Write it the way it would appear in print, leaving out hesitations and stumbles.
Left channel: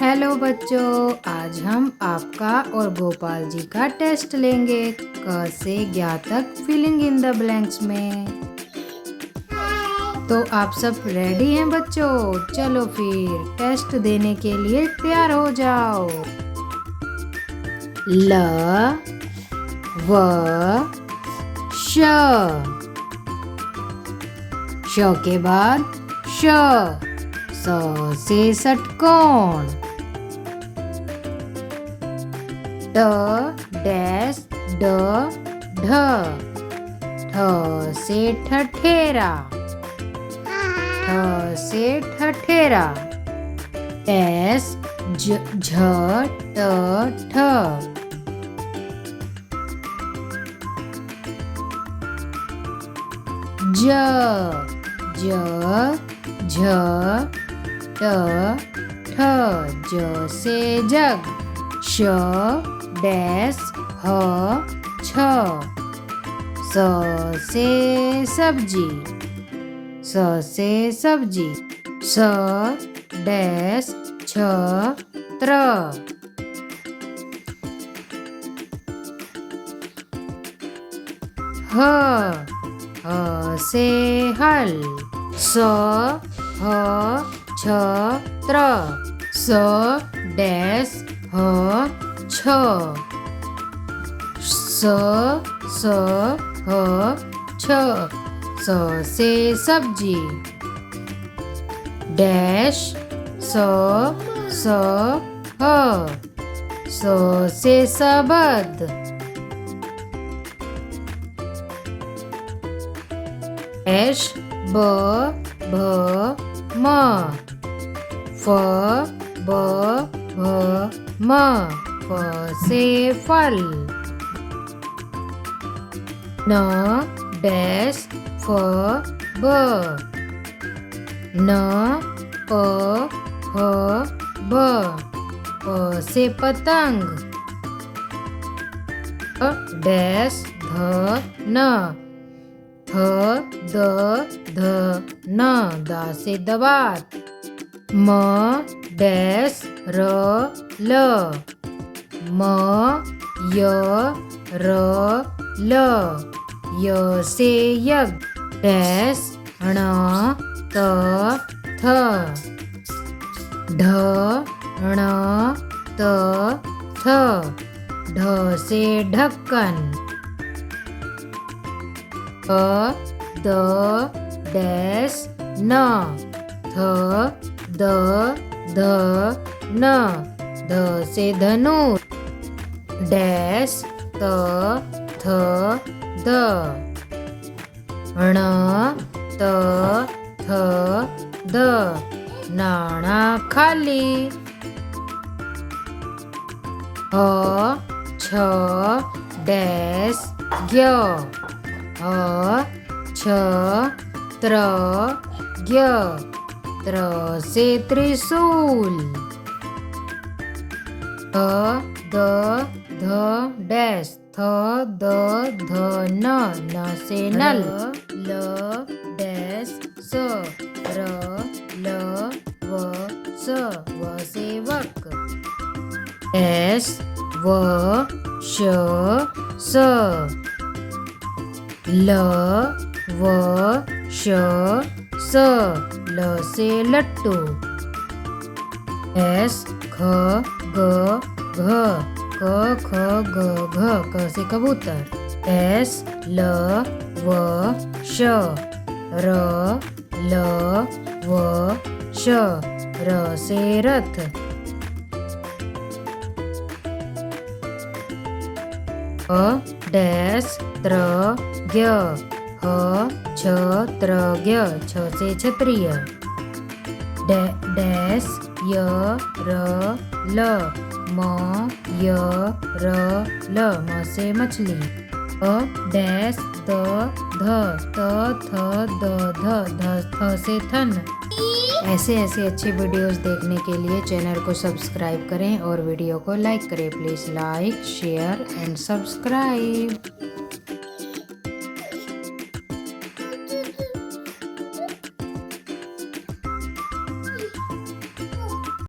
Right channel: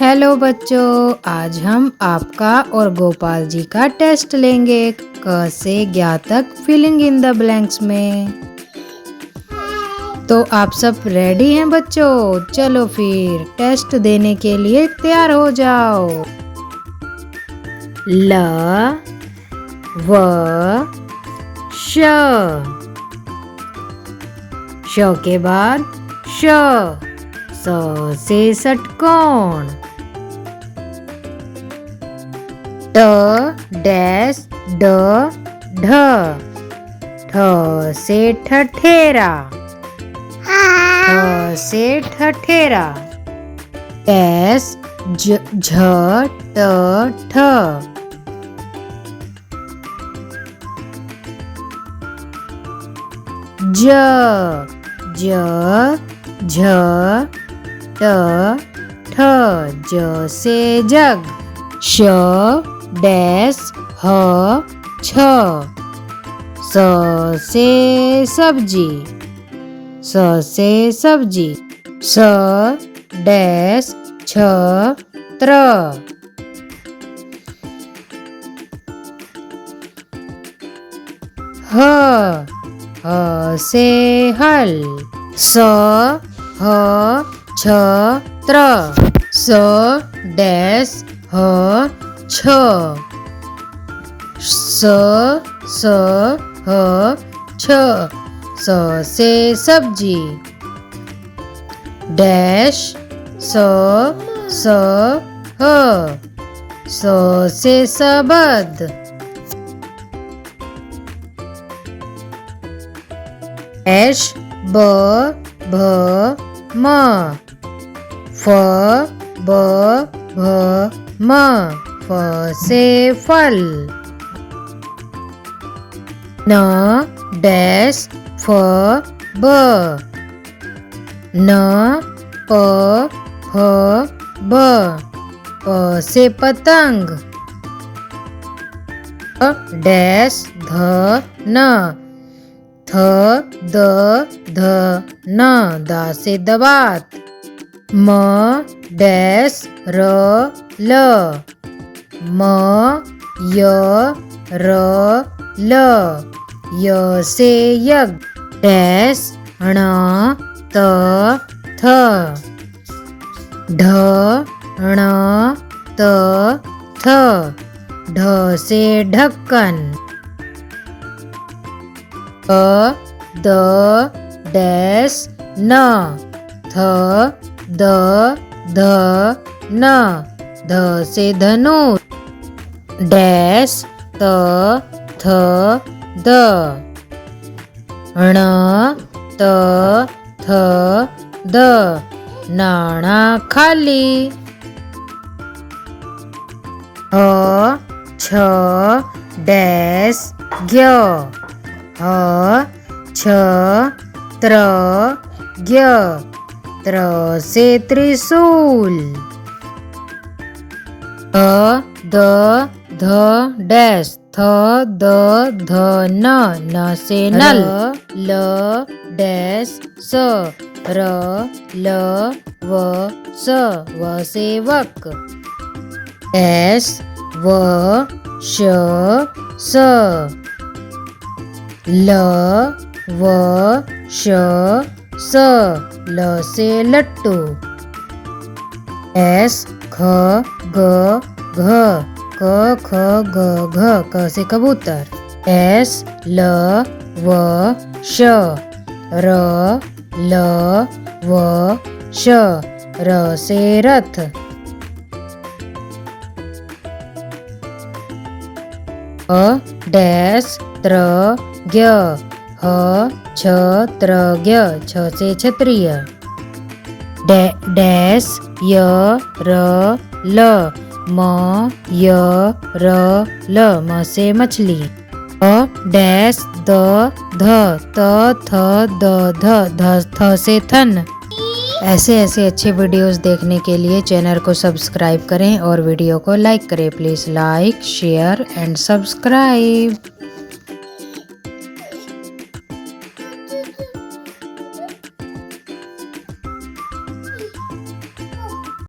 Hello बच्चों, आज हम आपका और गोपाल जी का टेस्ट लेंगे। क से ज्ञ तक फिलिंग इन द ब्लैंक्स में। तो आप सब रेडी हैं बच्चों? चलो फिर टेस्ट देने के लिए तैयार हो जाओ। ल व श के बाद श, स से षटकोण। ट डैश ड ढ, ठ से ठठेरा, ठ से ठठेरा। डैश झ ट ठ, ज ज झ ट ठ, ज से जग। श डैश ह छ, स से सब्जी, स से सब्जी। स डैश छ त्र, ह से हल। स ह छ त्र, स डैश ह छ, स ह छ, स से सब्जी। डैश स ह, स से सबद। डैश ब भ म, फ ब भ म, फ से फल। न डैश फ ब, न प ह ब, प से पतंग। डैश ध न, थ द ध न, दा से दवात। म डैश र ल, म य र ल, य से यज्ञ। डैश ण त थ, ढ ण त थ, ढ से ढक्कन। द डैश न, थ द ध न, ध से धनुष। डैश त थ द, ण त थ द, नाणा खाली। ह छ डैश ज्ञ, ह छ त्र ज्ञ, त्र से त्रिशूल। थ द ध डैश, थ द ध न, न से नल। ल डैश स, र ल व स, व से वक। डैश व श स, ल व श स, ल से लट्टू। डैश ख ग घ, क ख ग घ, क से कबूतर। डैश ल व श, र ल व श, र से रथ। डैश त्र ज्ञ, ह छ त्र ज्ञ, छ से क्षत्रिय। डैश य र ल, म य र ल, म से मछली। डैश द ध, त थ द ध, थ से थन। ऐसे अच्छे वीडियोस देखने के लिए चैनल को सब्सक्राइब करें और वीडियो को लाइक करें। Please like share and subscribe.